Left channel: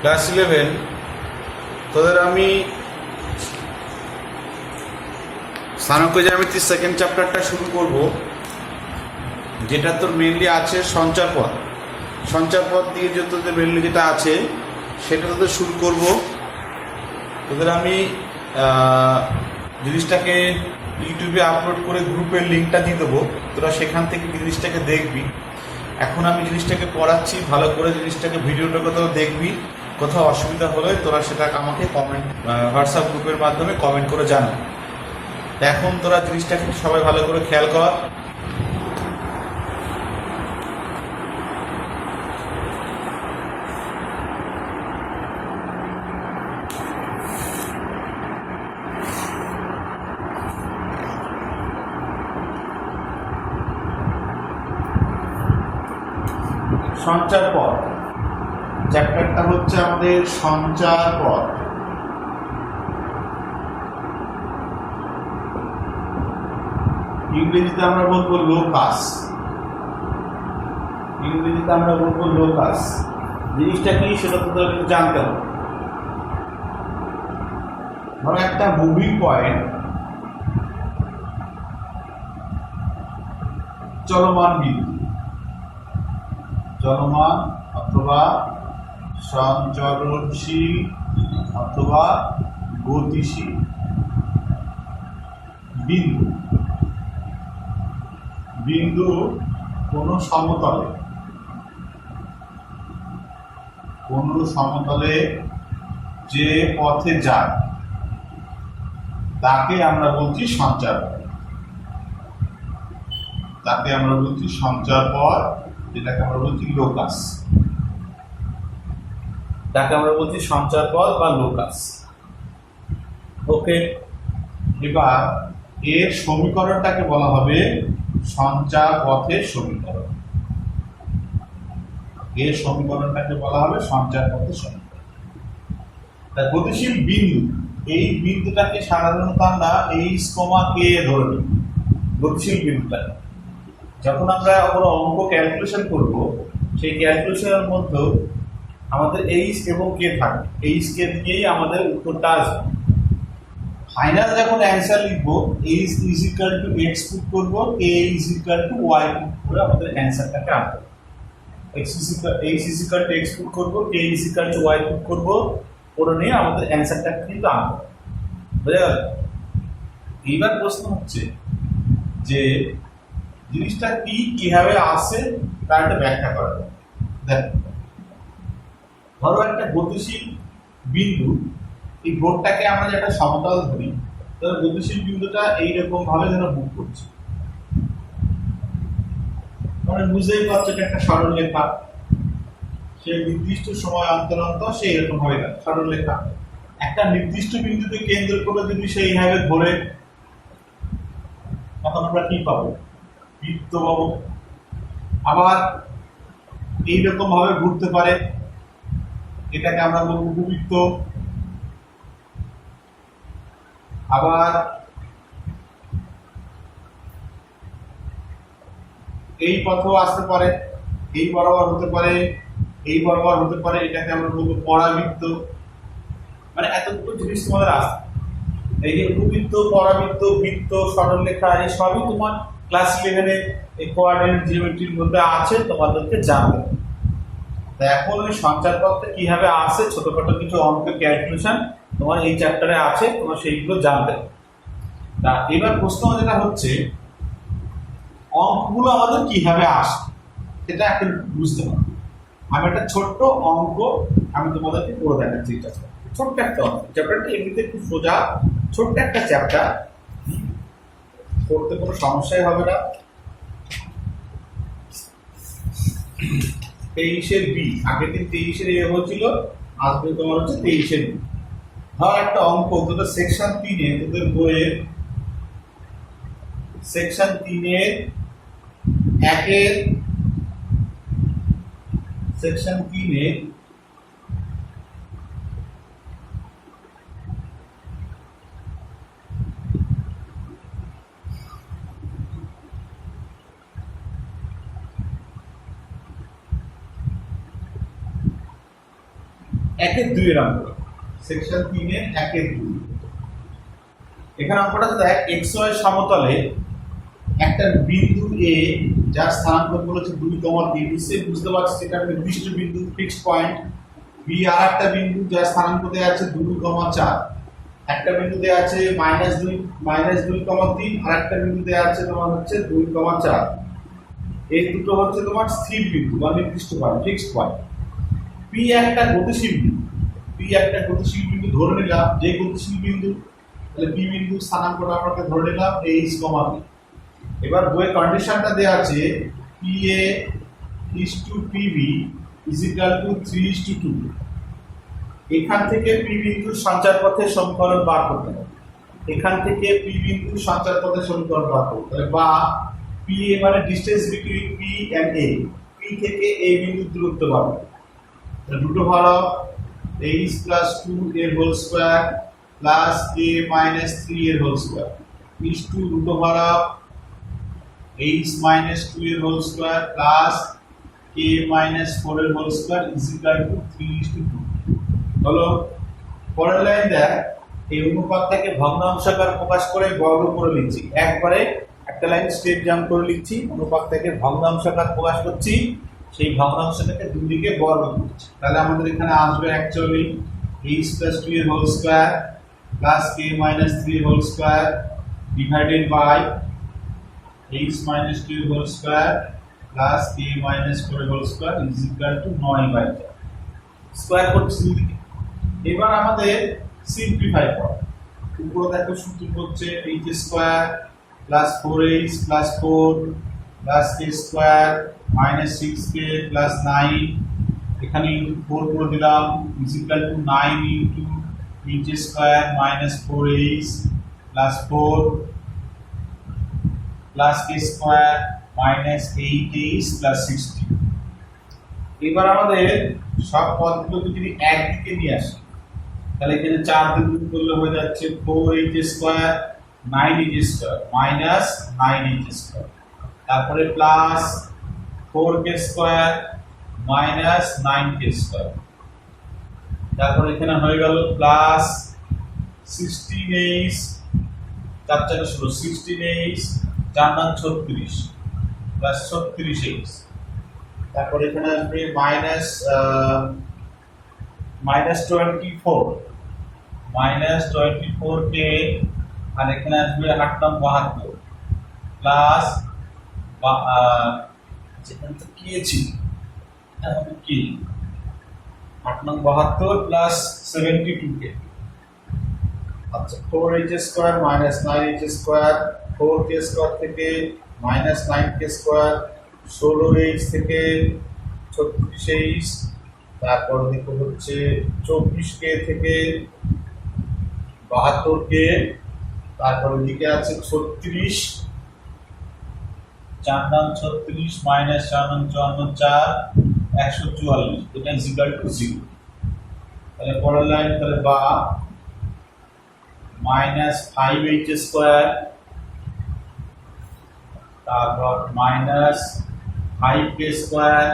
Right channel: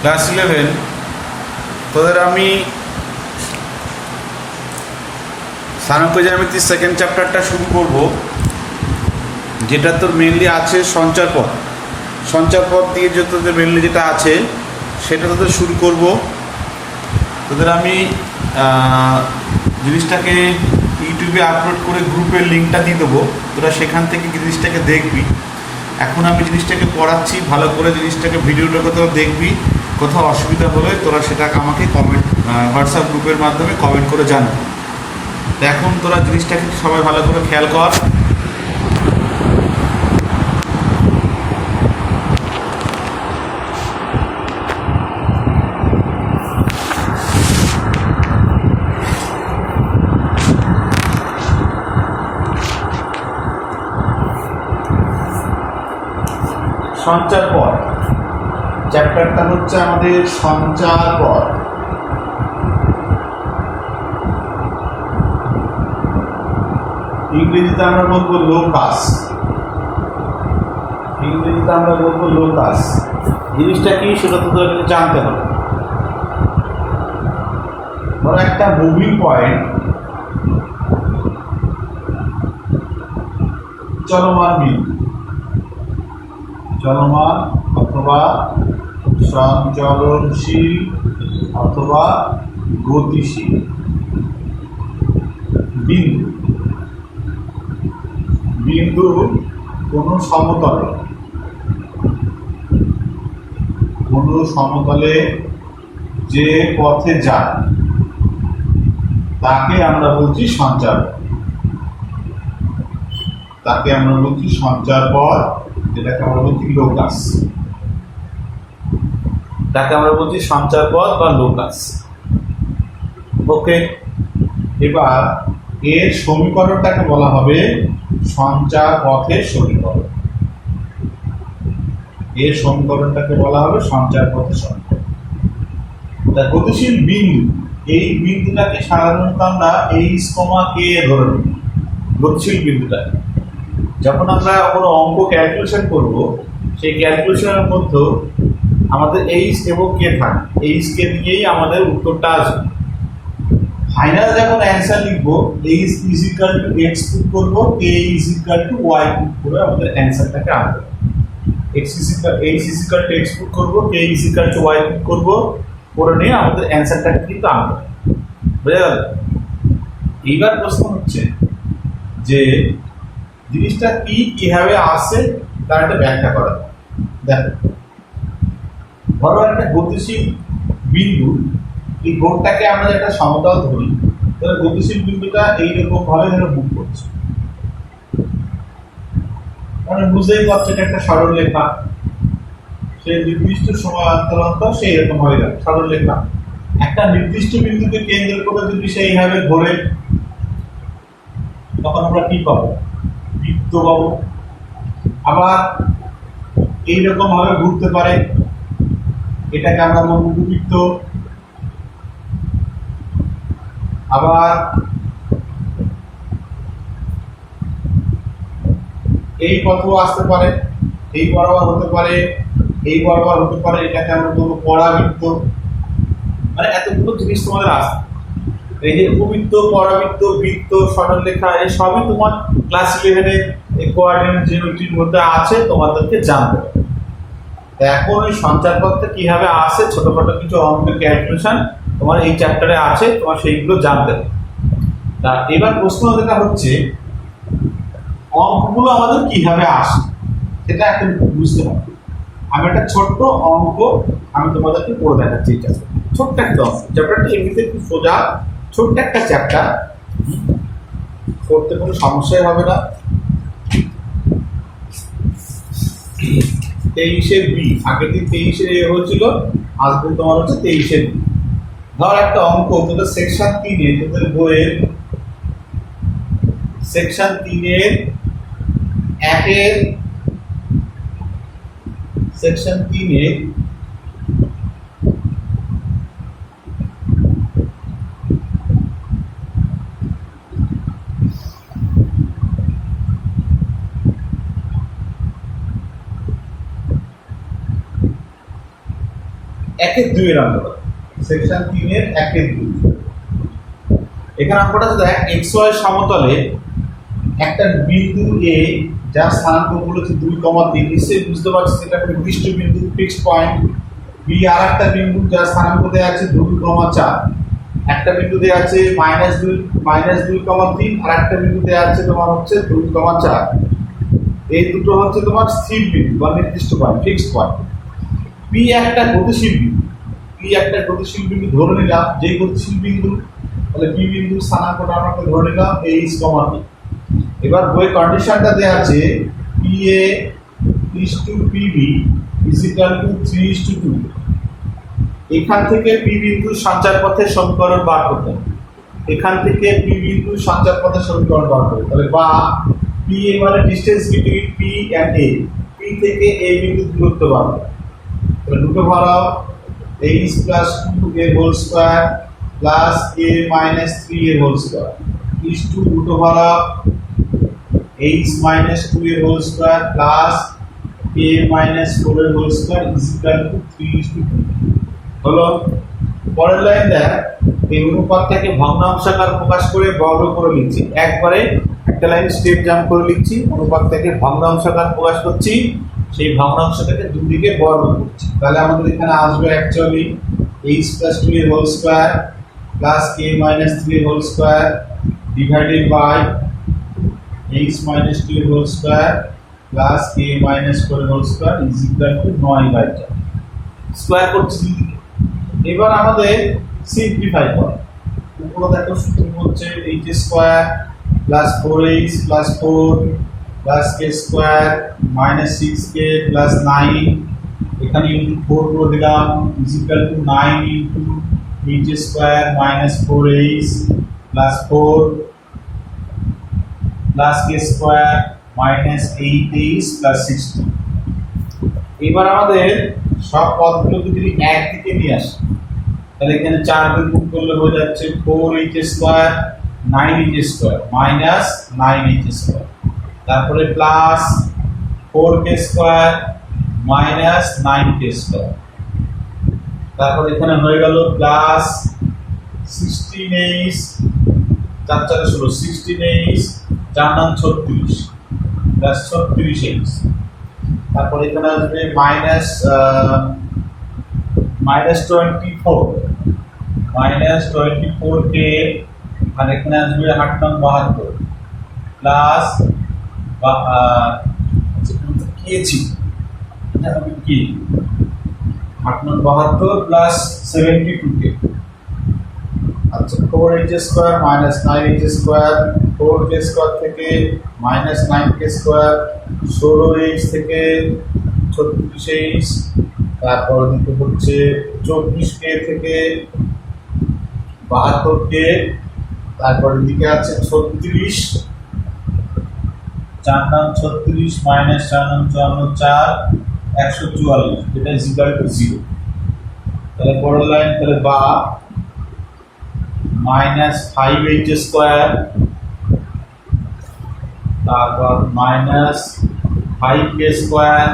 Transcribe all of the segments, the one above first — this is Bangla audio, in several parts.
ক্লাস 11 তোদের আমি স্থানাঙ্ক জ্যামিতির সেকেন্ড চ্যাপ্টারটা শুরু করব, যেটা তোর মেনলি আছে সঞ্চারপথ। সঞ্চারপথ দিয়ে যে তোদের মেনলি যেটা আছে সেটা তোদের শুরু করব। তোদের আমি জিনিসটাকে ইউটিউবে আপলোড করে গ্রুপের লিঙ্কটা দিয়ে দেবো, তোরা সেখান থেকে জিনিসটাকে দেখবি। এখন আমি জিনিসটাকে পড়াচ্ছি, ভালো করে জিনিসটাকে ভিডিওটা কোথাও দেখবি, কোথাও অসুবিধা হলে তোরা সেটা আমাকে কমেন্ট হোয়াটসঅ্যাপ গ্রুপের মাধ্যমে কমেন্ট করে জানাবি। এখন তোরা জিনিসটাকে সবাই ভালো করে খেয়াল কর। সঞ্চারপথ চ্যাপ্টারটা হচ্ছে আমাদের সঞ্চারপথ। ইংরেজিতে আমরা বলবো লোকাস। জিনিসটা কি সেটা তো তোদের জানতে হবে। ধরো একটা মুভিং পয়েন্ট, চলমান অথবা সঞ্চরণশীল অথবা গতিশীল বিন্দু কোনো সমতলে যে পথে যায় তাকে আমরা বলছি সঞ্চারপথ, যেটাকে আমরা বলছি লোকাস। সঞ্চারপথ বা লোকাস। ওকে, এবার এর সমীকরণটাকে বলা হবে সঞ্চারপথের সমীকরণ। গতিশীল বিন্দু, এই বিন্দুটাকে সাধারণত আমরা এইচ কমা কে ধরে নিই। গতিশীল বিন্দুটাকে যখন আমরা কোনো অঙ্ক ক্যালকুলেশন করব, সেই ক্যালকুলেশনের মধ্যে আমাদের এইচ এবং কে থাকে। এইচ কে দিয়েই আমাদের উত্তরটা আসবে। ফাইনাল যখন অ্যান্সার লিখবো, H is equal to X put করবো, K is equal to Y put করে আমাদের অ্যান্সারটাকে আনবো। H is equal to X put করবো, K is equal to Y put করবো, করে নিয়ে আমাদের অ্যান্সারটাকে কিন্তু আনবো। বুঝে গেল? এইবার প্রশ্ন হচ্ছে যে জিনিসটা কিভাবে আসে তার একটা ব্যাখ্যা করা যায়। দেখো, ধরো একটা গতিশীল বিন্দু, এই বোর্ডটাকে আমরা একটা সমতল ধরি, তাহলে গতিশীল বিন্দুটা এইরকম ভাবে যেন মুভ করছে, মানে বুঝতেই পারছো এটা একটা সরল রেখা। সে নির্দিষ্ট সময় অন্তর অন্তর সেই এরকম ভাবে সরল রেখা একটা নির্দিষ্ট বিন্দুকে কেন্দ্র করে যদি সেইভাবে ধরে, তখন আমরা কি পাবো? বৃত্ত পাবো। আবার এইরকম ভাবে ঘুরতে পারে, এটাকে আমরা বলবো উপবৃত্ত। আবার এই পথও আসতে পারে, এই বরাবর হতে পারে, এই বরাবর হতে পারে, এটাকে আমরা বলবো পরাবৃত্ত। মানে এতগুলো জিনিস তোমাদের আসে। এই যে উপবৃত্ত, পরাবৃত্ত, বৃত্ত, সরলরেখা, এই সবই তোমার ক্লাস 11 এর কোঅর্ডিনেট জিওমেট্রির মধ্যে আছে, তোমাদেরকে জানতে হবে। এখন ওই সঞ্চারপথটা কিভাবে আসে, ছোটখাটো কিছু অঙ্কের ক্যালকুলেশন তোমার এই চ্যাপ্টারে আছে, তোমার সেইগুলো জানতে হবে। তা এবার প্রশ্ন যেটা হচ্ছে, অঙ্কগুলো আমাদের কিভাবে আসে সেটা এখন বুঝতে হবে। আমি একটা ছোট্ট অঙ্ক আমি তোমাদেরকে পড়ে দেখাচ্ছি। এটা ছোট্ট একটা অঙ্ক, চ্যাপ্টারটা এমনিতে খুব সোজা, ছোট্ট একটা চ্যাপ্টার, করতে কোনো সমস্যাই হবে না। 23-এর বি, আগের দিন 23-এর এ হয়েছিল, আসবে তোমার হচ্ছে 23-এর বি। ধর একটা অঙ্ক তোদের সেকশন 3-এ, তোদের বইয়ের সেকশন 3-এর 1-এর সেকশন 3-এর 1/2 এর অঙ্কটা, সেকশন 3 এর 1/2। এখানে অঙ্কটা দেখ xy সমতলে একটা বিন্দু এ যার স্থানাঙ্ক বলেছে 2,3, নিশ্চয়ই বুঝতে পারছিস এটা নির্দিষ্ট বিন্দু, ফিক্সড পয়েন্ট। বি আর একটা বিন্দু যার স্থানাঙ্ক দেওয়া আছে 2,4, একটা বিন্দু দেওয়া আছে -2,3, আর একটা বিন্দু দেওয়া আছে তোমার হচ্ছে 2,4। এই দুটো হচ্ছে তোমার স্থির বিন্দু বা নির্দিষ্ট পয়েন্ট, ফিক্সড পয়েন্ট। পি একটা গতিশীল বিন্দু, পি একটা গতিশীল বিন্দু ধরে নিলাম, যে গতিশীল বিন্দু, তাহলে পি বিন্দুর স্থানাঙ্কটা আমাকে ধরে নিলাম h, p। এবার বইয়ের কন্ডিশনটা দেওয়া আছে PA is to PB is equal to 3:2। এখান থেকে পি বিন্দুর সঞ্চার পথের সমীকরণ বার করতে হবে, এখান থেকে পি বিন্দুর সঞ্চার পথের সমীকরণ বার করতে, তাহলে বা পি এ মানে distance between P and A, P থেকে এ বিন্দুর দূরত্ব বার করতে। তাহলে দুটো ভাড়া h plus 2 এর whole square plus a minus 3 এর হোল স্কয়ার is to দুটো ভাড়া h minus 2 এর whole square plus a minus 4 এর whole square is equal to 3:2 হলো। পরের লাইন দেখ, এই অনুপাতটাকে ভগ্নাংশাকার প্রকাশ করে বর্গ করে লিখছি, একবারে একটা লাইন স্টেপ জাম্প করে লিখছি, অনুপাতটাকে ভগ্নাংশাকার প্রকাশ করছি, সেই ভগ্নাংশটাকে দুদিকে বর্গ করছি। তাহলে আমাদের এখানে আসবে অ্যাকচুয়ালি h plus 2 এর whole square plus k minus 3 এর whole square divided by h minus 2 এর whole square plus k minus 4 এর whole square is equal to 9/4 square করছি। এবার আমাদের সিম্পলিফাই করা, উপরে দেখো সূত্র হচ্ছে h square plus 4h plus 4 plus k square minus 6k plus 9, এখানে ইনটু 4 করে দিলাম is equal two 9 into h square minus 4h plus 4 plus k square minus 8h plus 16। এবার আমাদের সব পদগুলোকে যদি একদিকে নিয়ে আসি, তাহলে এখানে 4 দিয়ে গুণ করলে হয়ে যাচ্ছে 4h square 9h square minus 9h square, তারপরে plus 4k square minus 9k square, তারপর এখানে হয়ে গেল plus 16h 4 4 16 16h 4 9 36 plus 36h, তারপর এখানে আসবে মাইনাস 24k, আর এখানে আসবে 8 9 72 প্লাস এটা হবে কি 8 9 72 প্লাস 72k। আচ্ছা 4h square minus 9h square, 4k square থেকে মাইনাস 9k স্কয়ার, 16h থেকে 36h, তারপর দিকে হচ্ছে 24k থেকে 72k, তারপর দিকে আছে 36, 4 নাম 36 মাইনাস 4 নাম 54 144, যেটা ইজ ইকুয়াল টু 0। তাহলে পরের লাইন, তাহলে বা মাইনাস 5h স্কয়ার, তারপর মাইনাস 5k স্কয়ার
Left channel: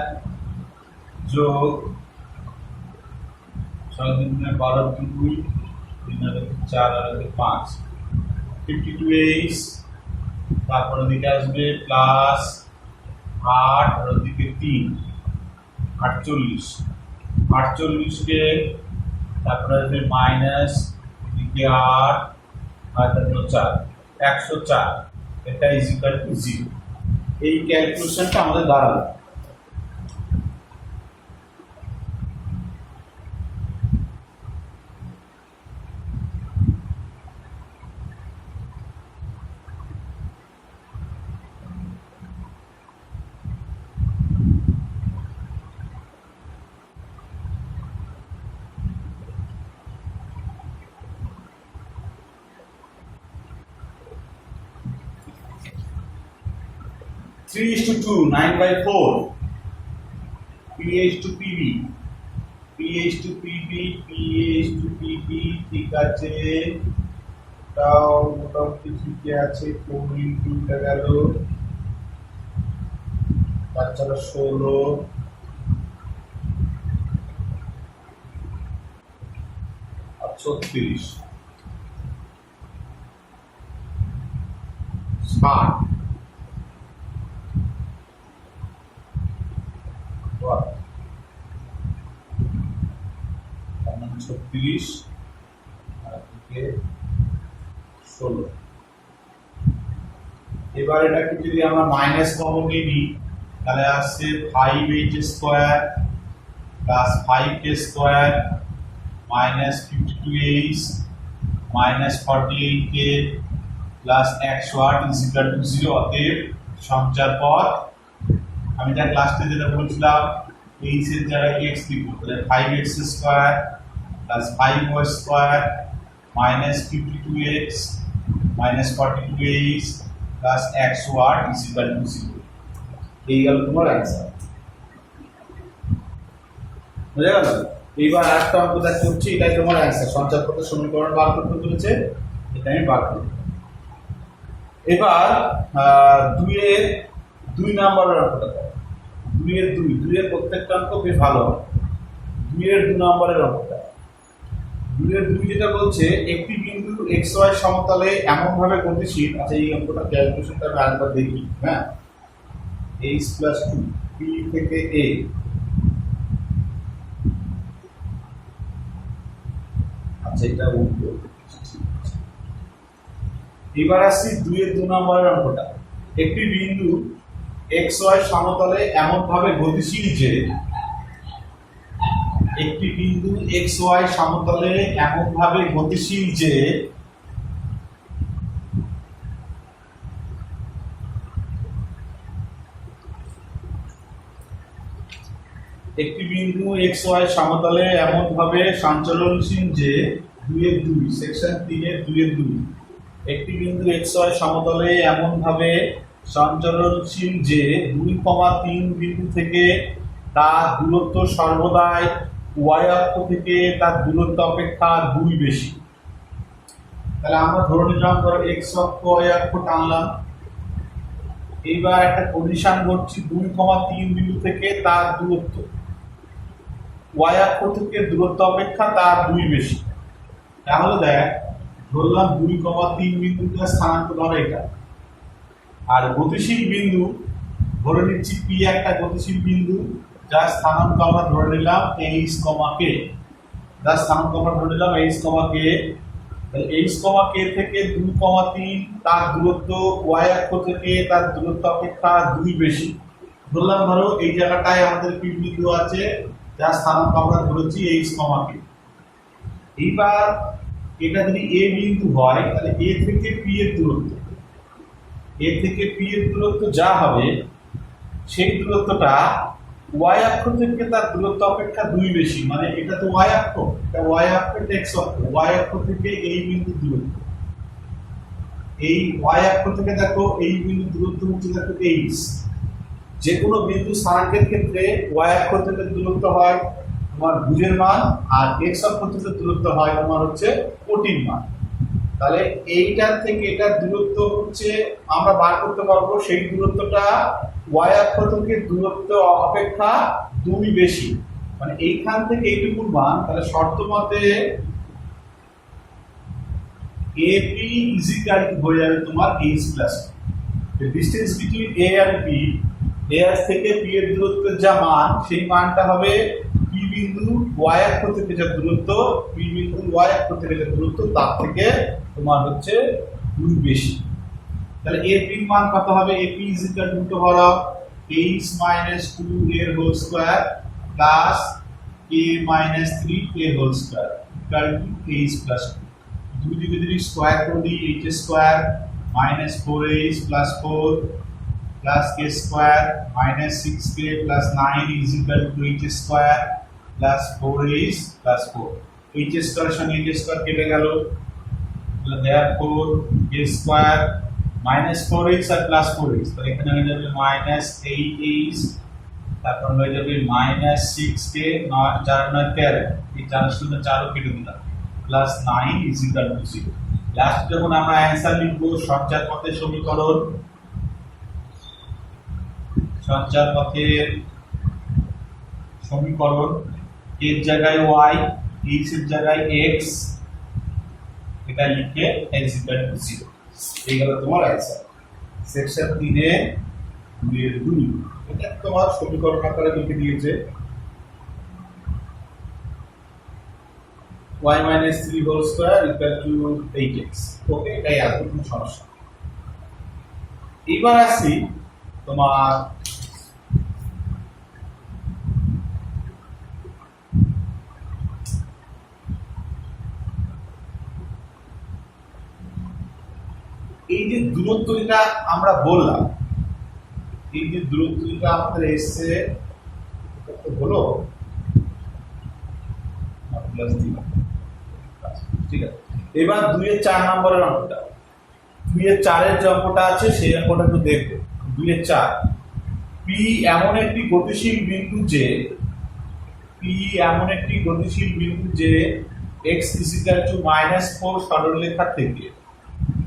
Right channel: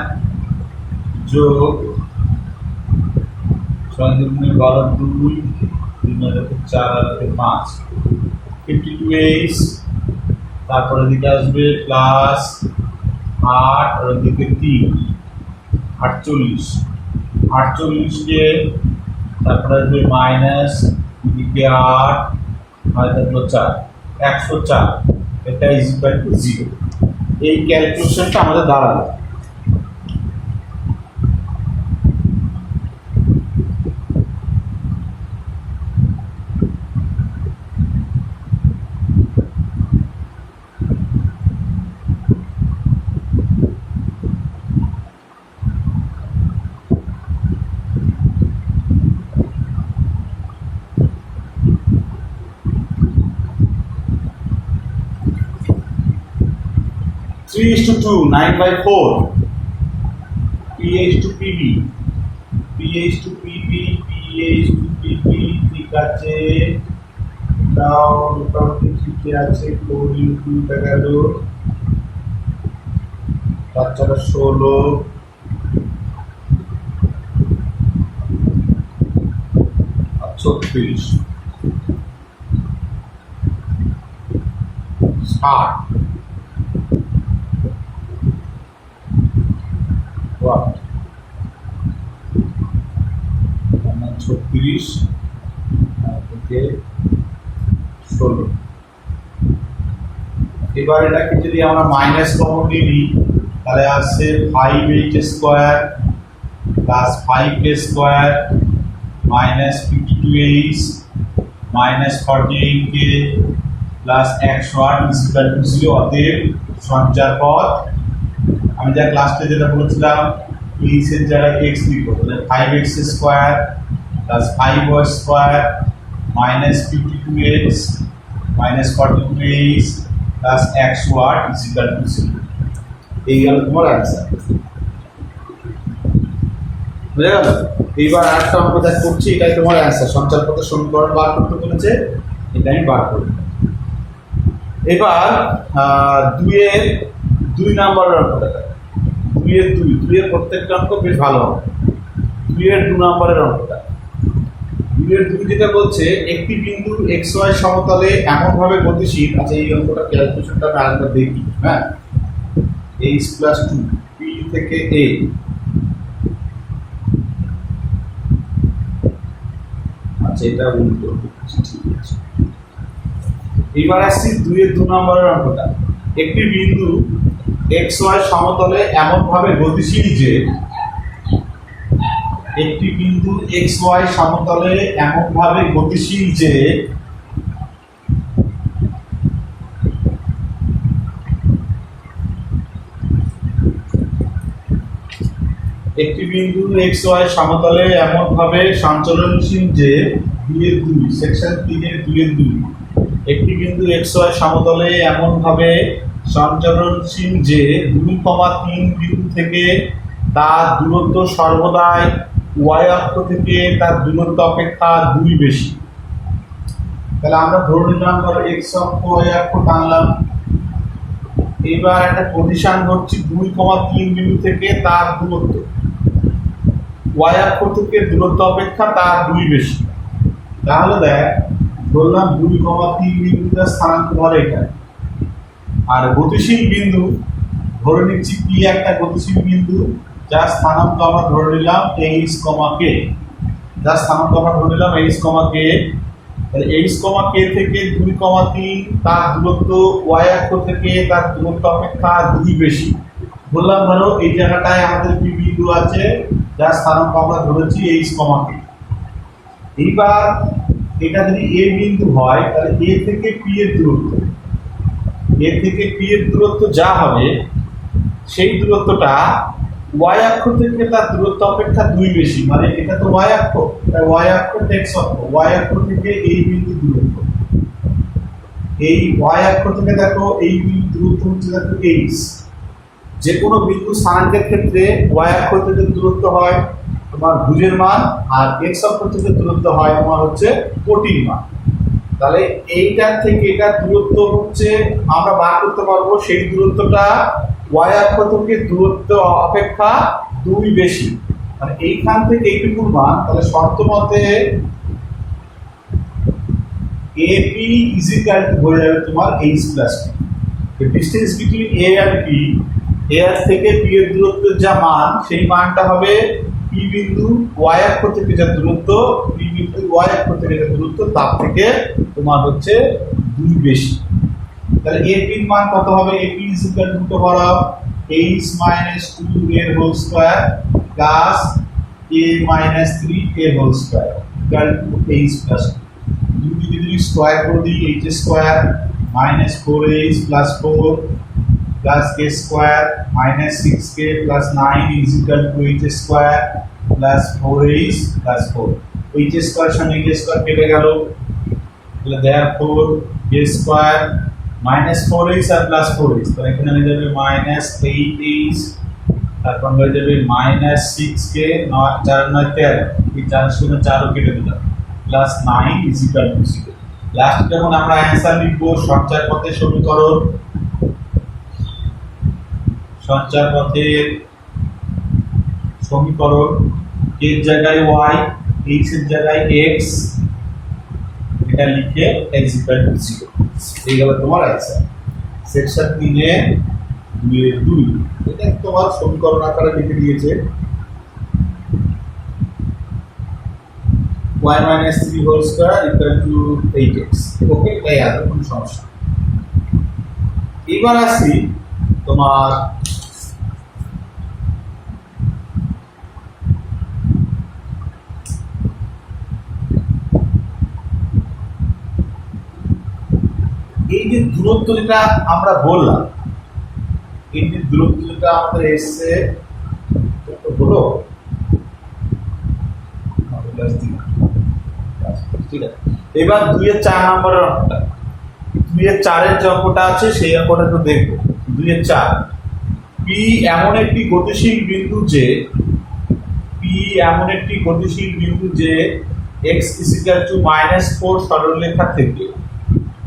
যোগ 6 দুগুণে 12 2 3 আর 4 আর 5 52h, তারপর এদিকে আসবে প্লাস 8 আর এদিকে 3 48 কে, তারপরে আসবে মাইনাস এদিকে 8 আর 4 104, এটা ইজ ইকুয়াল টু 0। এই ক্যালকুলেশনটা আমাদের দাঁড়ালো। Three is to 2, 9/4, PH to PB, PH to PB, PH to PB, ঠিক আছে, দাও মোটামুটি ঠিকই আছে। 4 ইন্টু এটা গেল 4 4 16 36 60 ওয়াট 36 থেকে 16। এবার এটাকে যদি আমরা মাইনাস কমন নিই তাহলে আসছে 5h square plus 5k square minus 52h minus 48k plus 108 is equal two 0। অতএব সঞ্চার পথ আমি যা ক্লাসে যেটা বলেছিলাম h এর জায়গায় x লিখব, তাহলে 5x square plus 5y square minus 52x minus 42h plus 108 is equal two 0। এই গেল তোমার অ্যান্সার। বুঝে গেল? এইবার আরেকটা অঙ্ক দেখ করছি, এটাই তোমার অ্যান্সার। সঞ্চার পথের সমীকরণ বার করতে বলেছে, এটা আমি বার করব। এবার 2 নম্বরের অঙ্কটা দেখ। 2 এর প্রত্যেকটা অঙ্ক বেশ ভালো হবে। 2 নম্বরের অঙ্কটা 2 যেটা বলছে একটি বিন্দু xy সমতলে এমনভাবে গতিশীল। আচ্ছা, এই অঙ্কটা ক্যালকুলেশনটা আমি আরেকবার দেখি। হ্যাঁ, h + 2 p থেকে a আচ্ছা, এটা উল্টো। ঠিক আছে, এবার আসছি 2 নম্বরের অঙ্কটা। একটি বিন্দু xy সমতলে এমনভাবে গতিশীল যে একটি বিন্দু xy সমতলে এমনভাবে গতিশীল যে একটি বিন্দু xy সমতলে এমনভাবে সঞ্চালনশীল যে 2 সেকশন 3 একটি বিন্দু xy সমতলে এমনভাবে সঞ্চালনশীল যে 2,3 বিন্দু থেকে তার দূরত্ব সর্বদাই y অক্ষ থেকে তার দূরত্ব অপেক্ষা 2 বেশি। তাহলে আমরা ধরে নিলাম ধরো x অক্ষ y অক্ষ টানলাম। এইবার একটা পজিশন ধরছি 2,3 বিন্দু থেকে তার দূরত্ব y অক্ষ থেকে দূরত্ব অপেক্ষা তার 2 বেশি। তাহলে দেখ, ধরলাম 2,3 বিন্দুটা স্থানাঙ্ক ধরে এটা, আর গতিশীল বিন্দু ধরে নিচ্ছি p একটা গতিশীল বিন্দু যার স্থানাঙ্ক আমরা ধরে নিলাম h, k। যার স্থানাঙ্ক আমরা ধরে নিলাম h, k। তাহলে h, k থেকে 2,3 তার দূরত্ব y অক্ষ থেকে তার দূরত্ব অপেক্ষা 2 বেশি। বললাম ধরো এই জায়গাটায় আমাদের p বিন্দু আছে যার স্থানাঙ্ক আমরা ধরেছি h, k। এইবার এটা যদি a বিন্দু হয় তাহলে a থেকে p এর দূরত্ব, a থেকে p এর দূরত্ব যা হবে সেই দূরত্বটা y অক্ষ থেকে তার দূরত্ব অপেক্ষা 2 বেশি। মানে এটা তো y অক্ষ, y অক্ষ x অক্ষ, y অক্ষ থেকে এই বিন্দু দূরত্ব, এই y অক্ষ থেকে দেখো এই বিন্দু দূরত্ব হচ্ছে দেখো h। যে কোনো বিন্দু স্থানাঙ্কের ক্ষেত্রে y অক্ষ থেকে দূরত্ব হয় তোমার ভুজের মান, আর x অক্ষ থেকে দূরত্ব হয় তোমার হচ্ছে কোটির মান। তাহলে এইটার থেকে এটার দূরত্ব হচ্ছে আমরা বার করতে পারবো, সেই দূরত্বটা y অক্ষ থেকে দূরত্ব অপেক্ষা 2 বেশি। মানে এইখান থেকে এইটুকুর মান, তাহলে শর্ত মতে AP হয়ে যাবে তোমার h + p। Distance between a and p, a থেকে p এর দূরত্বের যা মান সেই মানটা হবে p বিন্দু y অক্ষ থেকে যা দূরত্ব, p বিন্দু y অক্ষ থেকে যা দূরত্ব তার থেকে তোমার হচ্ছে 2 বেশি। তাহলে AP এর মান কত হবে? AP √h - 2 এর হোল স্কয়ার প্লাস k - 3 এর whole square equal to h + 2 যদি স্কয়ার করে দিই h square - 4h + 4 plus k square - 6k + 9 is equal to h square plus 4h + 4। h square সঙ্গে h স্কয়ার কেটে গেল, তাহলে therefore k স্কয়ার -4h আর +4h, তাহলে এখানে হয়ে যাবে -8h, তারপর হয়ে যাবে -6k 4 9 13, এই 4 শূন্য 4 কেটে দিলাম +9 ইজ ইকুয়াল টু 0। লাস্ট যখন আমরা অ্যানসার লিখব সঞ্চার পথের সমীকরণ, সঞ্চার পথের সমীকরণ k এর জায়গায় y, h এর জায়গায় x, এটা লিখে x ইকুয়াল টু 0। এই গেল তোমার आंसर। সেকশন 3 এ 2 এর 2 এটা তোমার সমীকরণ আকারে লিখে দিয়েছে y minus 3 whole square equal to 8x। ওকে, এটাই আর কোনো সমস্যা। এবার আসি তোমার এই যে দূরত্ব যেটা আমরা বললাম, এই যে দূরত্ব যেটা আমাদের এসছে হলো ঠিক আছে। এবার 2 এর 4 নম্বরের অঙ্কটা, 2 এর 4 এর যে অঙ্কটা আছে সেই অঙ্কটা একটু দেখবো। 2 এর 4, P এমন একটি গতিশীল বিন্দু যে x -4 সরলরেখা থেকে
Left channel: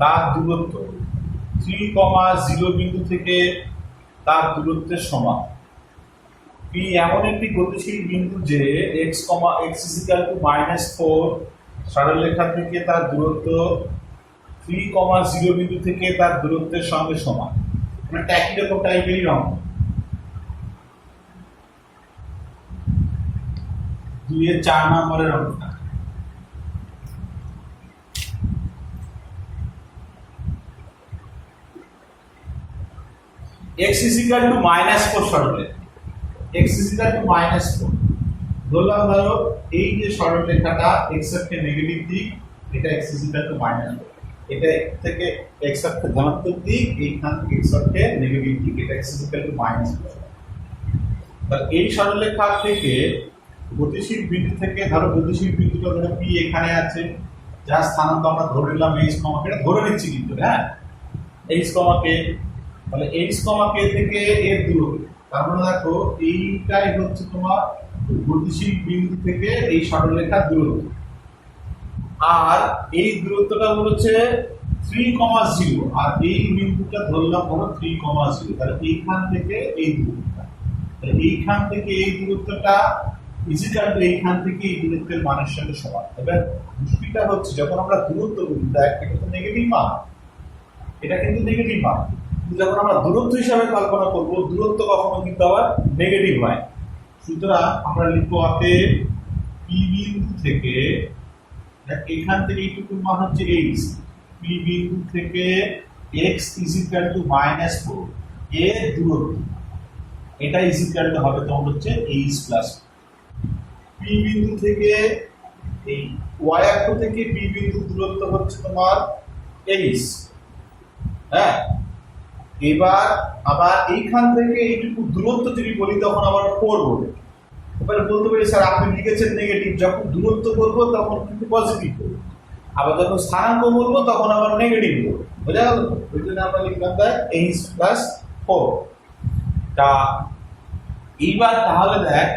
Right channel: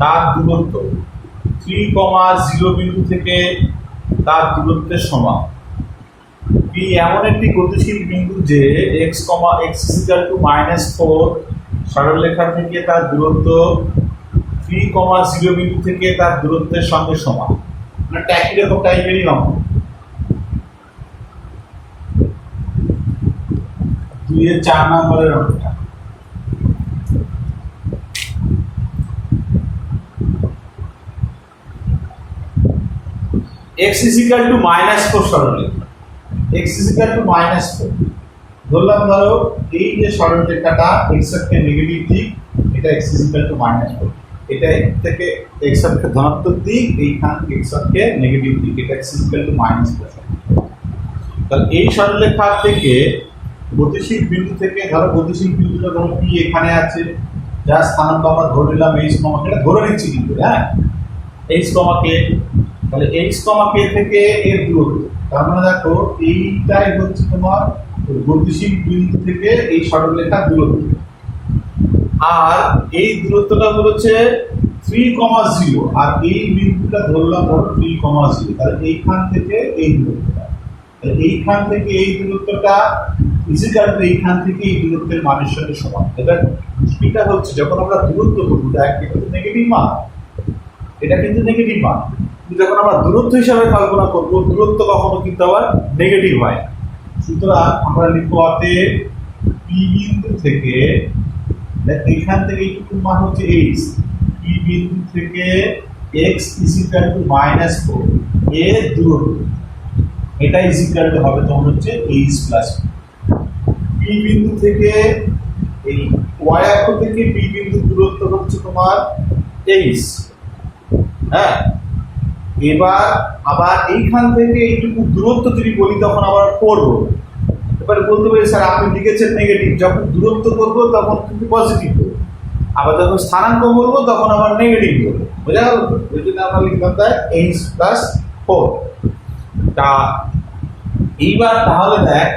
তার দূরত্ব 3,0 বিন্দু থেকে তার দূরত্বের সমান। P এমন একটি গতিশীল বিন্দু যে x -4 সরলরেখা থেকে তার দূরত্ব 3,0 বিন্দু থেকে তার দূরত্বের সঙ্গে সমান। মানে একই রকম টাইপেরই অঙ্ক। 2 এর 4 নম্বরের অঙ্কটা। x -4 সরলরেখা, x -4 ধরলাম, ধরো এই যে সরলরেখাটা x অক্ষে নেগেটিভ দিক, এটা x -4, এটা থেকে x অক্ষে ধনাত্মক দিক, এইখান x অক্ষে নেগেটিভ দিক, এটা x -4। তাহলে এই সরলরেখা থেকে গতিশীল বিন্দু থেকে, ধরো গতিশীল বিন্দুটা ধরো P এখানে আছে, যার স্থানাঙ্ক আমরা ধরে নিলাম h, এটা ধরে নিচ্ছি কিন্তু, হ্যাঁ, h, k। তাহলে h, k থেকে এর দূরত্ব, তার মানে দেখো এইটাই হচ্ছে তোমার গতিশীল বিন্দু থেকে এই সরলরেখার দূরত্ব, আর এই দূরত্বটা হচ্ছে 3,0, আর এই বিন্দুটা ধরলাম ধরো 3,0। তাহলে এইখান থেকে এই দূরত্বটা, তাহলে এইখান থেকে এই দূরত্বটা ইজিক্যাল টু এইখান থেকে এই দূরত্বের মানের সঙ্গে সমান। এবার মুশকিলটা হচ্ছে যখন আমরা দূরত্ব করবো, দেখ এটা তো নেগেটিভ মান, এটা কিন্তু নেগেটিভ মান, কিন্তু যখন আমরা দূরত্ব হিসাবে কল্পনা করবো, দূরত্ব কখনো কিন্তু আবার নেগেটিভ হয়। সুতরাং আমরা লিখবো অতএব P বিন্দু থেকে, দেখ এইখান থেকে এইটুকু মান হচ্ছে h, P বিন্দু থেকে x -4 এর দূরত্ব, এটা হবে তোমার হচ্ছে h প্লাস P বিন্দু থেকে এই y অক্ষ থেকে P বিন্দুর দূরত্ব হচ্ছে তোমার h, হ্যাঁ। এবার আবার এইখান থেকে এইটুকু দূরত্ব যদি বলি তখন আবার করবো, এবার বলতে পারি স্যার আপনি লিখেছেন নেগেটিভ, যখন দূরত্ব করবো তখন কিন্তু পজিটিভ করবো, আবার যখন স্থানাঙ্ক করবো তখন আবার নেগেটিভ করবো, বোঝা গেল? ওই জন্য আমরা লিখলাম তাই h +4। তা এইবার তাহলে দেখ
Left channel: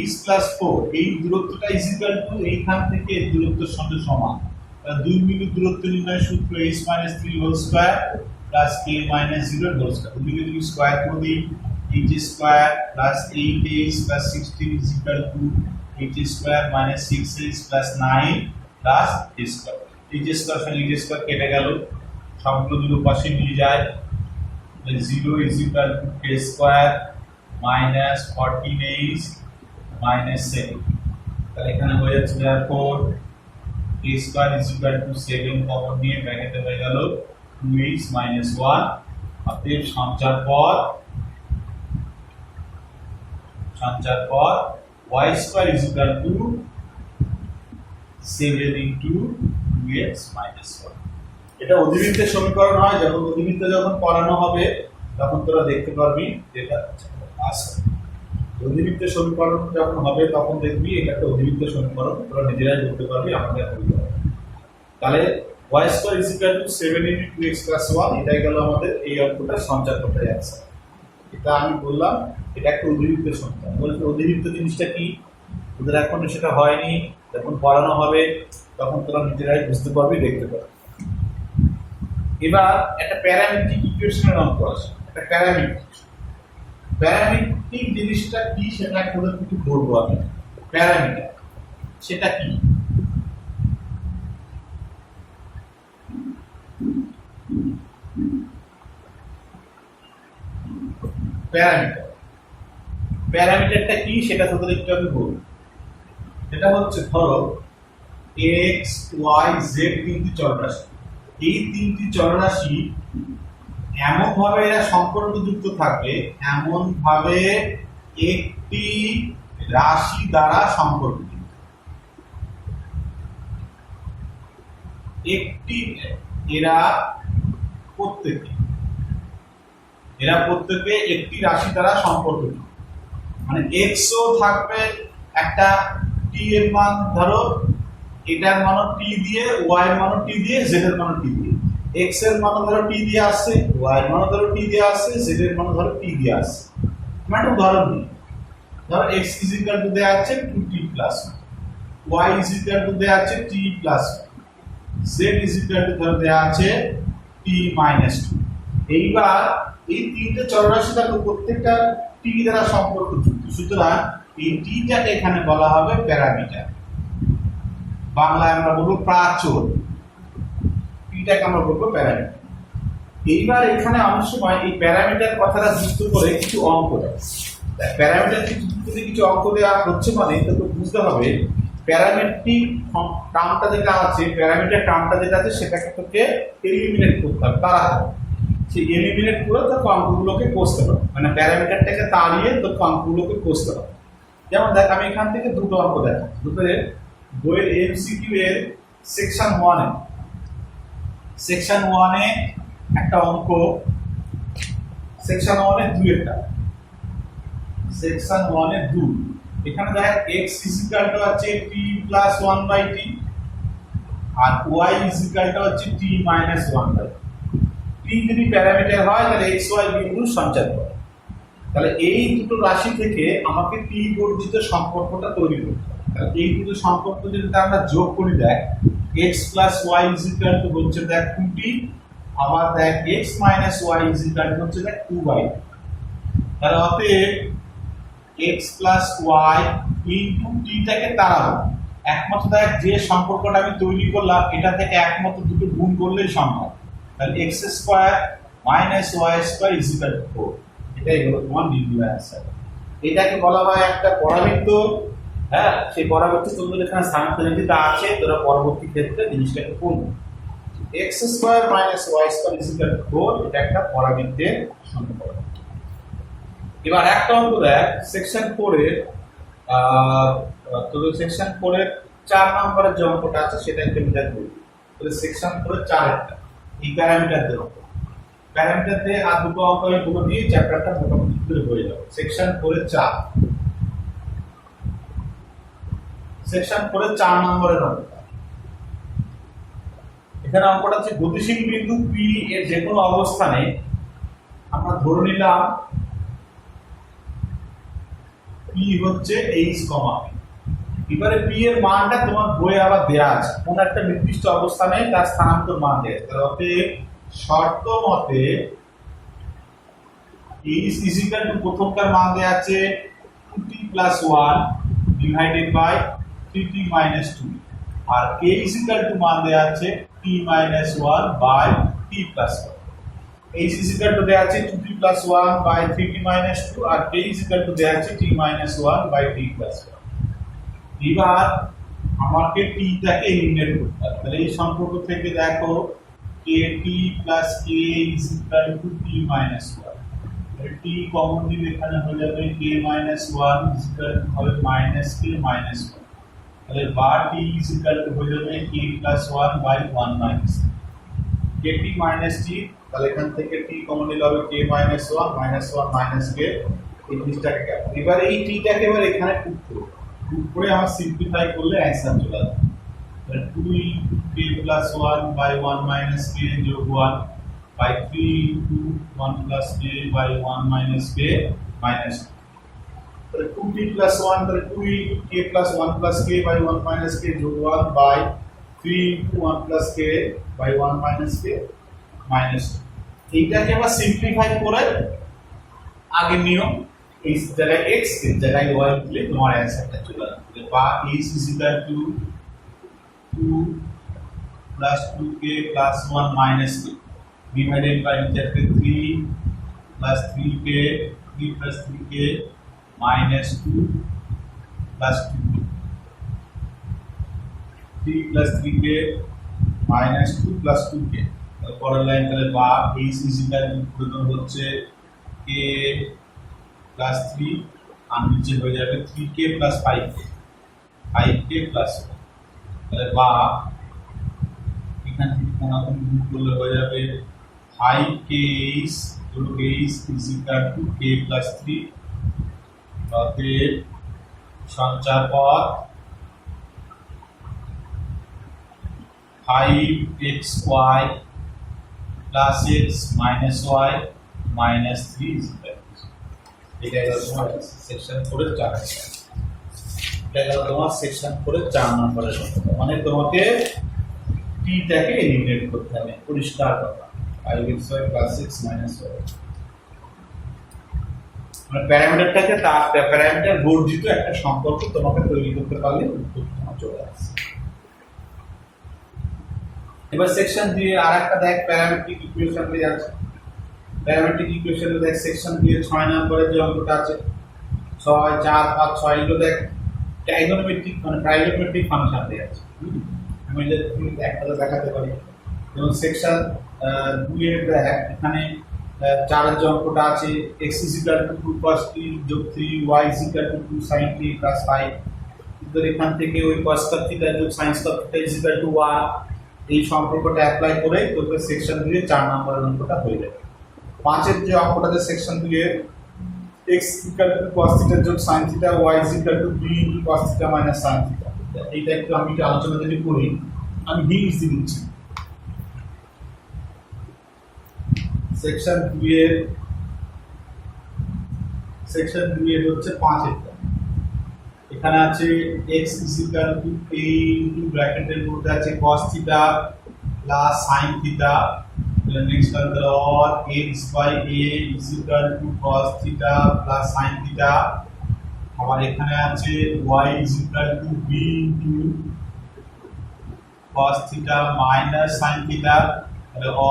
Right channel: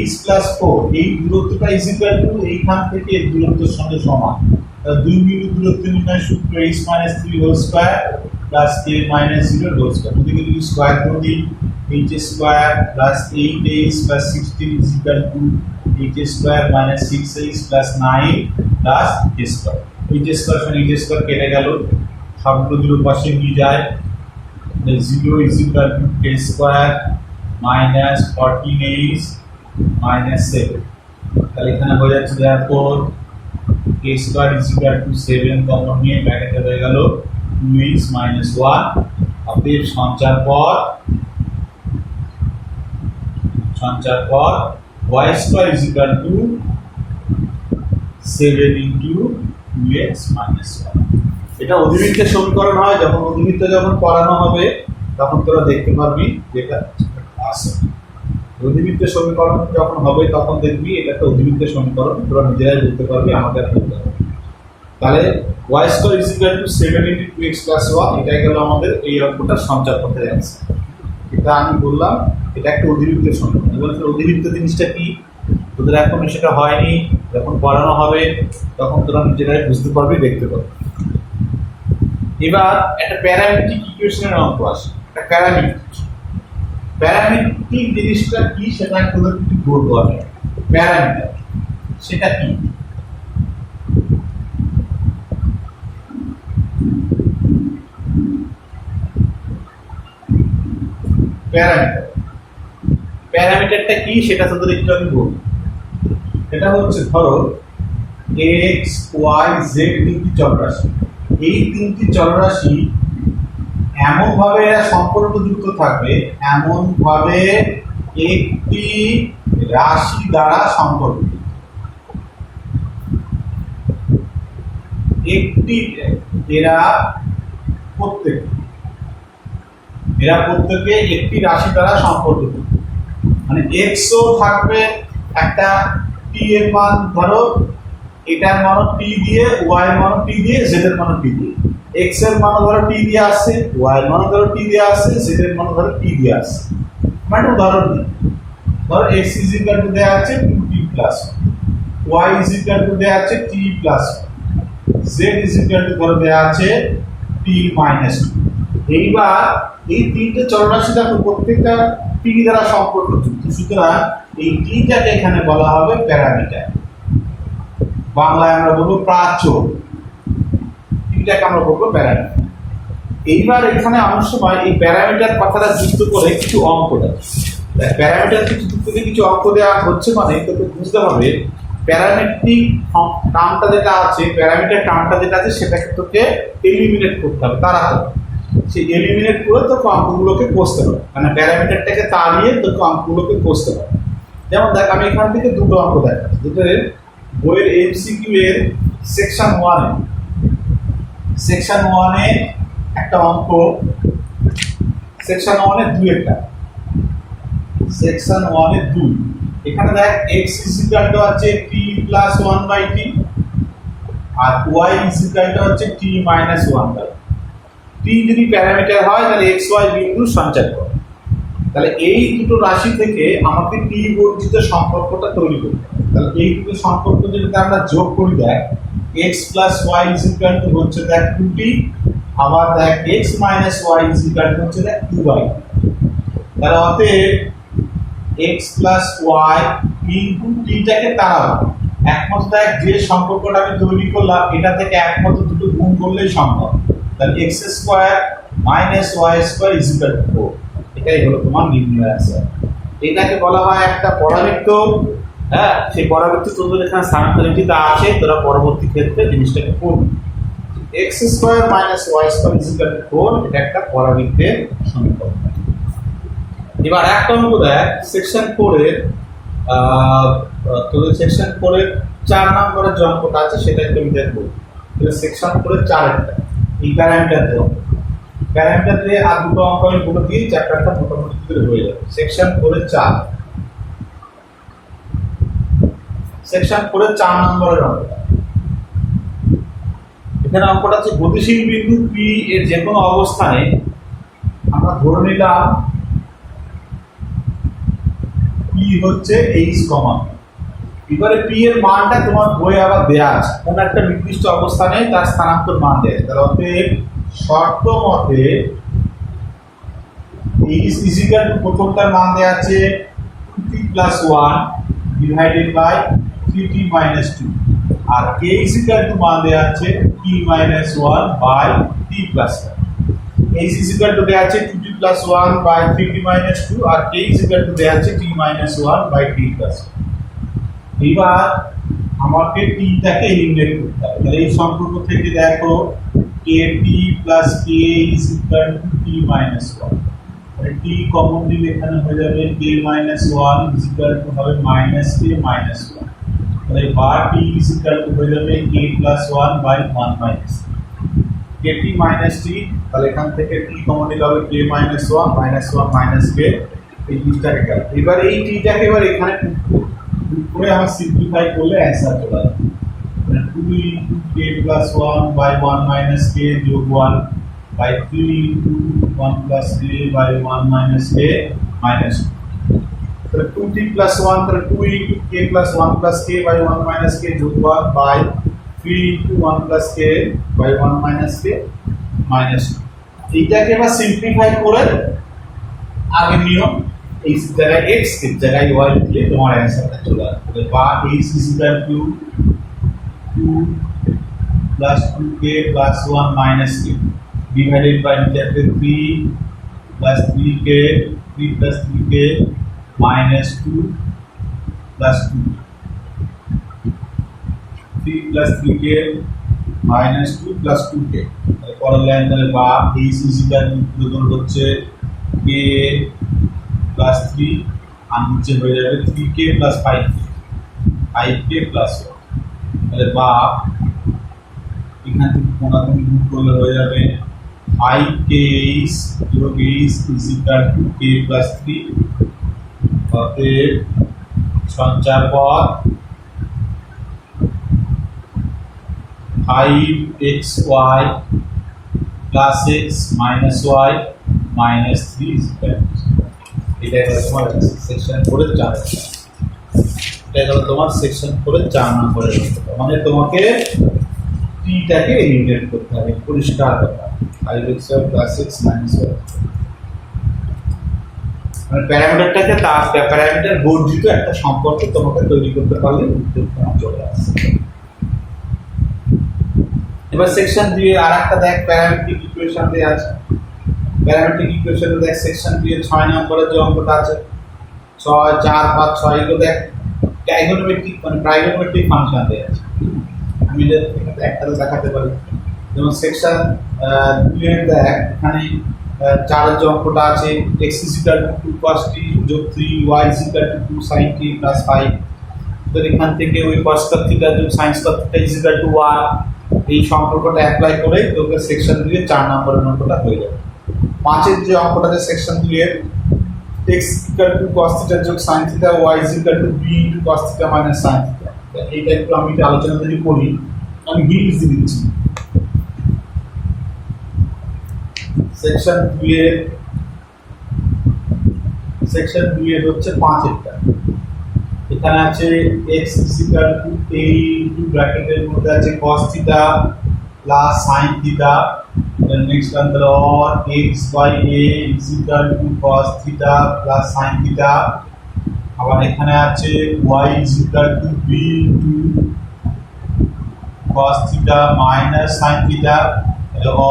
h+4 এই দূরত্বটা ইকুয়াল টু এইখান থেকে এই দূরত্বের সঙ্গে সমান। 2 বিন্দু দূরত্ব নির্ণয় সূত্র h - 3 whole square plus k - 0 whole square, দুদিকে যদি স্কয়ার করে দিই h square plus 8h plus 16 is equal to h square minus 6h plus 9 plus k square. h square সমান h স্কয়ার কেটে গেল, সবগুলো দুটোর পাশে নিয়ে যায়, 0 is equal to k square minus 14h minus 7। তাহলে এখানে হয়ে যাচ্ছে therefore k square is equal to 7 common নিয়ে ব্র্যাকেটে হয়ে গেল 2h minus 1। অতএব সঞ্চার পর y square is equal to 7 into 2x minus 1। এটা অধিবৃত্তের সমীকরণ হয়, যখন অধিবৃত্ত যখন পড়ানো হবে তখন তোরা দেখতে পারবি যেটা আসে। অধিবৃত্তের সমীকরণ যখন হবে তখন দেখবি এটা একটা অধিবৃত্তের সমীকরণ, তোরা নিজেরাই দেখতে পারবি, আমাদের বলতে হবে। তাহলে y square is equal to 7 into 2x plus 1, এটাই গেল আমাদের এই অঙ্কটা সঞ্চার করতে যাচ্ছে। এটা আমি বললাম এটা একটা অধিবৃত্তের সমীকরণ। বলতে অধিবৃত্ত জিনিসটা কি তোদের এখন সেটা হয়নি, যখন পড়ানো হবে তখন তোরা নিজেরাই বুঝতে পারবি, দেখতে পারবি। এবার একটা প্যারামেট্রিক ইকুয়েশনের অঙ্ক আসে, একটা প্যারামেট্রিক জিনিসটা কি সেটা তোদের কিছু বলবো আমি। প্যারামিটার সেটা কি? প্যারামিটার। প্যারামিটারটা কি সেটা তোদের একটু আমি বলবো। এটা হচ্ছে ধরো এক্স ওয়াই জেড তিনটি চলরাশি। এই তিনটি চলরাশি এমন ভাবে এরা সম্পর্কযুক্ত থাকবে, এমন ভাবে একটি রাশি দ্বারা সম্পর্কিত। একটি এরা প্রত্যেকে একটি রাশি দ্বারা সম্পর্কিত। মানে এক্সও থাকবে একটা টি এর মান, ধরো এটার মান টি দিয়ে, ওয়াই এর মান টি দিয়ে, জেড এর মান টি দিয়ে। এক্স এর মান ধরো টি দিয়ে আসছে, ওয়াই এর মান ধরো টি দিয়ে আসছে, জেড এর মান ধরো টি দিয়ে আসছে। মানে উদাহরণ দিই, ধরো এক্স ইজ ইকুয়াল টু দেয়া আছে 2t plus, Y is equal to দেয়া আছে t plus, Z is equal to ধরো দেয়া আছে t মাইনাস 2। এইবার এই তিনটে চলরাশি দেখো প্রত্যেকটা টি দ্বারা সম্পর্কযুক্ত, সুতরাং এই টিটাকে এখানে বলা হবে প্যারামিটার, বাংলায় আমরা বলবো প্রাচল, টিটাকে আমরা বলবো প্যারামিটার। এইবার এখানে অনেক সময় এই প্যারামিটার কথাটা যুক্ত করে কিছু অঙ্ক দেয়। প্যারামিটার যুক্ত করে কিছু অঙ্ক দেওয়া হচ্ছে মানে তোকে বুঝতে হবে প্যারামেট্রিক টার্মটা যেটা আছে, প্যারামিটার টার্মটা যেটা আছে সেটাকে তোকে এলিমিনেট করতে হবে, তাড়াতে হবে। সেই এলিমিনেট করে তোকে অঙ্কগুলোকে কষতে হবে, মানে প্যারামিটারটাকে তাড়িয়ে তোকে অঙ্কগুলোকে কষতে হবে। যেমন দেখ, আমি এখান থেকে দুটো অঙ্ক দেখাচ্ছি, দুটো বইয়ের এমসিকিউ এর সেকশন 1 এ একটা অঙ্ক, সেকশন 1 এ 2 একটা, সেকশন 1 এ 2। এখানে দেখ x ইজ ইকুয়াল টু আছে t প্লাস 1/t আর y ইজ ইকুয়াল টু আছে t মাইনাস 1/t। t যদি প্যারামিটার হয় তাহলে x y বিন্দু সঞ্চার করে। তাহলে এই দুটো রাশি থেকে আমাকে t বর্জিত সম্পর্কটা তৈরি করতে হবে। তাহলে এই দুটো সম্পর্ক যদি আমরা যোগ করি, দেখ x plus y is equal two হচ্ছে দেখ 2t, আবার দেখ x minus y is equal two হচ্ছে দেখ 2/t। তাহলে অতএব x প্লাস y ইনটু টিটাকে তাড়াবো, একমাত্র দেখ যে সম্পর্কটা আমি তৈরি করলাম এটা থেকে একমাত্র দুটো গুণ করলেই সম্ভব। তাহলে x square minus y square is equal two 4। এটাই হলো তোমার নির্ণয় অ্যান্সার। এটাকে বলা হয় একটা পরাবৃত্ত। হ্যাঁ, সেই পরাবৃত্ত তোদের এখানে স্থানান্তরিত আছে, তোরা পরবর্তী ক্ষেত্রে জিনিসটাকে পড়বে। x square minus y square is equal two 4, এটা একটা পরাবৃত্তের সমীকরণ। এবার একটা অঙ্ক দেখ, সেকশন 4 এর তোদের সেকশন 4 এর 4 নম্বরের যে অঙ্কটা আছে সেটা একটু আমি দেখবো। তাহলে সেকশন 4 এর 4 একটা এই প্যারামিটার দেব, প্যারামিটার দিয়ে আর দুটো অঙ্ক আমি বলে দিয়ে চ্যাপ্টারটা মোটামুটি ক্লিয়ার হয়ে যাবে। সেকশন 4 এর 4, সেকশন 4 এর 4 নম্বরের অঙ্ক। এখানে অঙ্কটা হচ্ছে গতিশীল বিন্দু P এর যে কোনো অবস্থানে আমরা ধরে নিলাম P হচ্ছে h, এবারে P এর মানটা তোমার বইয়ে আবার দেয়া আছে, কোন একটা নির্দিষ্ট অবস্থানে তার স্থানান্তর মান দেয়া আছে। তাহলে অতএব শর্ত মতে h ইজ ইকুয়াল টু প্রথমটার মান দেয়া আছে 2t plus 1 divided by 3t minus 2, আর k ইজ ইকুয়াল টু মান দেয়া আছে t minus 1 by t plus 1। h is equal to দেয়া আছে 2t plus 1 by 3t minus 2 আর k is equal to দেয়া আছে t minus 1 by t plus 1। এবার আমাকে t টাকে এলিমিনেট করতে হবে। তাহলে এই সম্পর্ক থেকে দেখো kt plus k is equal to t minus 1, তাহলে t কমন নিলে এখানে হয়ে যাবে k minus 1 is equal to হবে minus k minus 1, তাহলে বা t is equal to হয়ে যাবে k plus 1 by 1 minus kt minus t। তাহলে এখান থেকে t কমন নিলে হবে k minus 1 minus 1 minus k, এই জিনিসটাকে গেল। এবার এই t টাকে এবার এখানে পুট করে আমরা সিম্পলিফাই করলে অ্যানসার চলে আসবে। মানে 2 into k plus 1 by 1 minus k যোগ 1 by 3 into 1 plus k by 1 minus k minus 2। তাহলে 2t plus 1, তাহলে 2 into k plus 1 plus k by 1 minus k যোগ 1 by 3 into 1 plus k by 1 minus k minus 2। এইটাকে আবার সিম্পলিফাই করে আগের নিয়ম, এই জায়গায় x এর জায়গায় y দিলে তোমার অ্যানসারটা চলে আসবে। বা h is equal to 2 plus 2k plus 1 minus k divided by নিচে 3 plus 3k 3 plus 3k minus 2 plus 2k 3 plus 3k minus 2 plus 2k পরের লাইন তাহলে বা h is equal to হচ্ছে k plus 3 আর নিচে হয়ে যাবে 3k plus 5k 5k plus 1 তাহলে বা এখান থেকে কোনাকুনি গুণ করলে হয়ে যাবে 5k যোগ h is equal to k plus 3 অতএব সঞ্চার পদ 5xy plus x minus y minus 3 is equal to এটা হলো তোমার সেকশন 4 এর 4 এটা হলো তোমার সেকশন 4 এর 4 নম্বরের মানে তোমাকে t টাকে ইন্টিগ্রেট করতে হবে পরিষ্কার কথা 5xy plus x minus y মানে প্যারামিটারটাকে তার প্যারামিটার বর্ধিত একটা সম্পর্ক তোমাকে তৈরি করতে পারলে উত্তর তোমার চলে আসে এবার সেকশন 2 এর আরেকটা দেখ প্যারামেট্রিক ইকুয়েশন দিয়ে আছে প্যারামেট্রিক ইকুয়েশনে দেখ সেকশন 2 এর 6 নম্বরের যে অঙ্কটা আছে 6 4 5 6 এগুলো দেখ ট্রাইগোনোমেট্রিক মানে ট্রাইগোনোমেট্রিক ফাংশন দিয়ে আছে আমি এর থেকে একটা তো দেখাতে পারি যেমন সেকশন 2 এর দেখ এখানে 4 এর যে অঙ্কটা আছে x is equal to 2 cos t যোগ 3 y is equal to 2 sin t plus 5 তো এখান থেকে ওই cos θ যোগ sin θ is equal to 1 এই সম্পর্কটা অ্যাপ্লাই করে তোকে সেকশন 2 এর 4 নম্বরের অঙ্কটা হয়ে যাবে 5 এর যে অঙ্কটা আছে সেকশন 2 এর x equal to cos θ যোগ sin θ y is equal to b into cos θ minus sin θ এইটা একটু আমি আলোচনা যদি করি আমি হিন্টস দিচ্ছি সেকশন 2 এর হচ্ছে 5 এরটা এখানে আছে x is equal to a into ব্র্যাকেটের মধ্যে আছে cos θ plus sin θ then next under or x by a is equal to cos θ plus sin θ আবার এখানে আছে y is equal to b into cos θ minus sin θ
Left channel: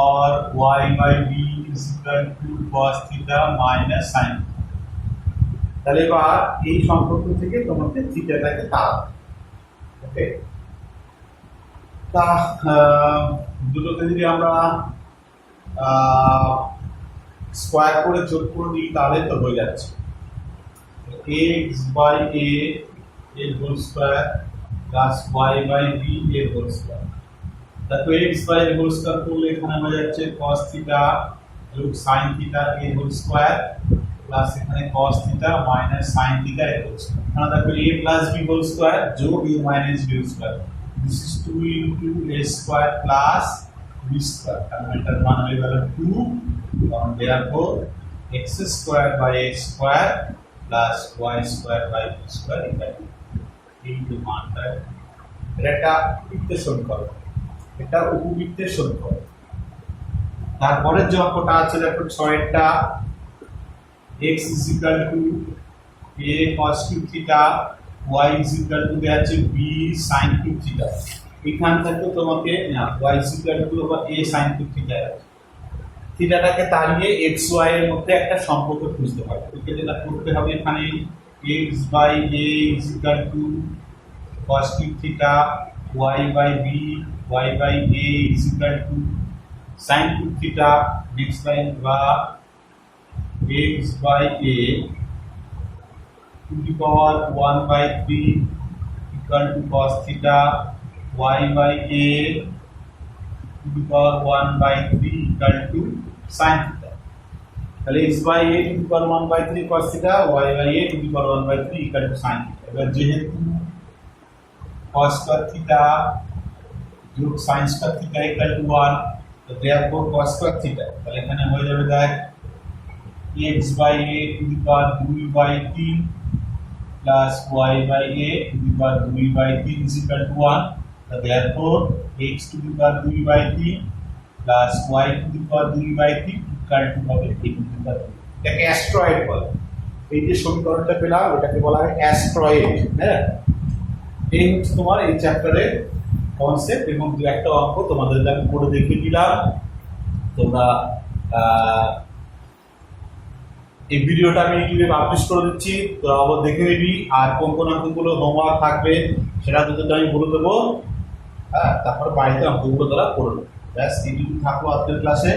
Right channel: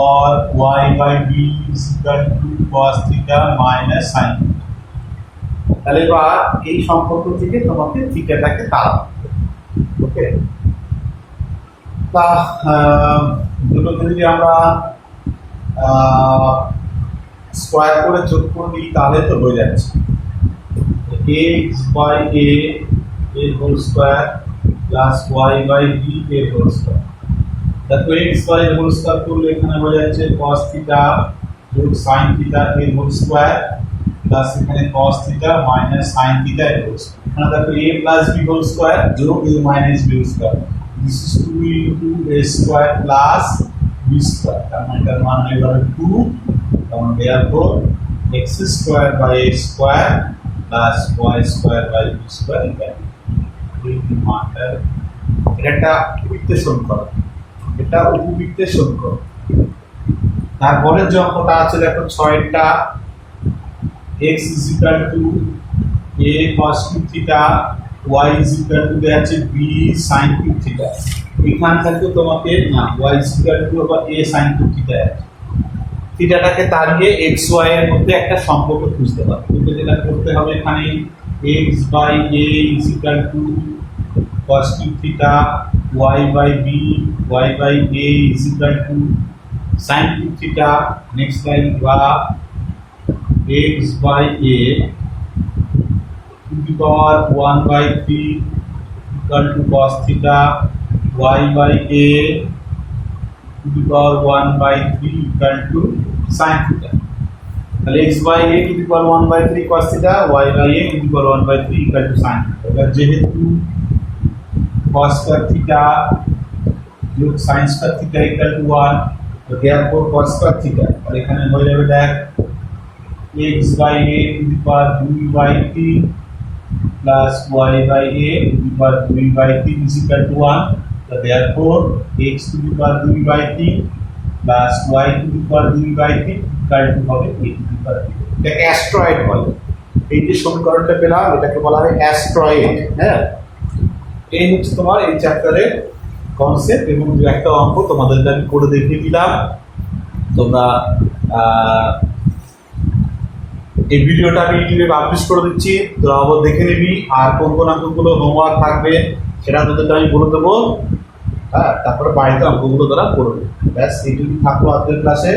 or y by b is equal to cos θ minus sin θ তাহলে এবার এই সম্পর্ক থেকে তোমাকে থিটাটাকে তাড়াতে ওকে তা দুটোকে যদি আমরা স্কয়ার করে যোগ করে দিই তাহলে তো হয়ে যাচ্ছে x by a এর whole square plus y by b এর হোল স্কয়ার তাহলে x by এর হোল স্কয়ার করলে এখানে হয়ে যাচ্ছে cos θ যোগ sin θ এর হোল স্কয়ার প্লাস এখানে cos θ minus sin θ এর হোল স্কয়ার এখানে দেখো a plus b whole square যোগ a minus b whole square this is 2 into a square plus b square তার মানে এটার মান হয়ে গেল 2 কারণ therefore x square by a square plus y square by b square equal এই মানটা এটা উপবৃত্তের সমীকরণ এটা উপবৃত্তের সমীকরণ তারপরে যে অঙ্কটা আছে দেখো 6 এরটা x is equal to a cos cube theta y is equal to দেয়া আছে b sin cube theta এখান থেকে তোমাকে না y is equal to আবার a sin cube theta আছে থিটাটাকে তাড়িয়ে x y এর মধ্যে একটা সম্পর্ক খুঁজতে হবে তোকে যেটা করতে হবে এখানে x by a is equal to cos cube theta y by b y by a is equal to sin cube theta next line বা x by a to the power 1 by 3 equal to cos theta y by a to the power 1 by 3 equal to sin theta তাহলে x by a to the power 1 by 3 cos theta y by a to the power 1 by 3 equal to sin theta এবার যেহেতু cos square theta যোগ sin square theta equal to 1 তো therefore cos square theta তাহলে এখানে হয়ে যাবে দেখ x by a to the power 2 by 3 plus y by a to the power 2 by 3 is equal to 1 so therefore x to the power 2 by 3 plus y to the power 2 by 3 equal to হবে a to the power 3 এটাকে অ্যাস্ট্রয়েড বলে এই যে সমীকরণটা পেলাম এটাকে বলা হয় অ্যাস্ট্রয়েড হ্যাঁ এই হচ্ছে তোমার এই চ্যাপ্টারের কনসেপ্ট এবং দু একটা অঙ্ক তোমাদেরকে আমি করে দেখিয়ে দিলাম তোমরা এই ভিডিওটা আমি ইউটিউবে পাবলিশ করে দিচ্ছি, তোরা আবার দেখে নিবি। আর কোন কোন অঙ্কগুলো হোমওয়ার্ক থাকবে সেটা তোদেরকে আমি বলে দেবো। হ্যাঁ, তারপরে বাড়িতে অঙ্কগুলো তোরা করবে। ব্যাস এইটুকু থাকলো আজকের ক্লাসে।